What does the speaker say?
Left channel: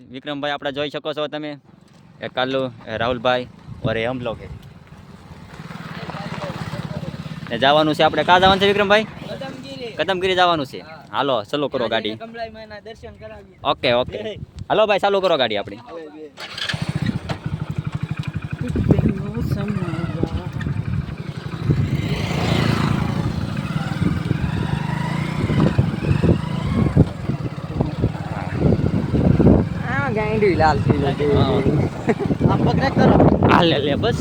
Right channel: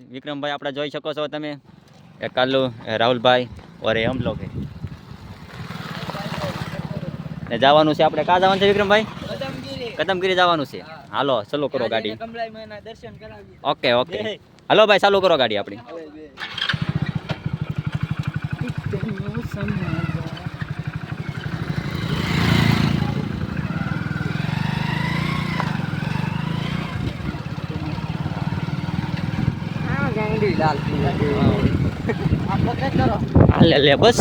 વિક્રમભાઈ આપણે જોઈ શકો છો તમે એક કાલુ રાહુલભાઈ ઓર એ હમ લોગ ને જવાનું છે આપણે ક્યાં જવાનું છે વિક્રમભાઈ કદમગીરી જવાનું છે હાલો ચાલુ કરો ગાડી ઓકે ઓકે હાલો ભાઈ ચાલુ કરો ગાડી આપણી હાલ લે બસ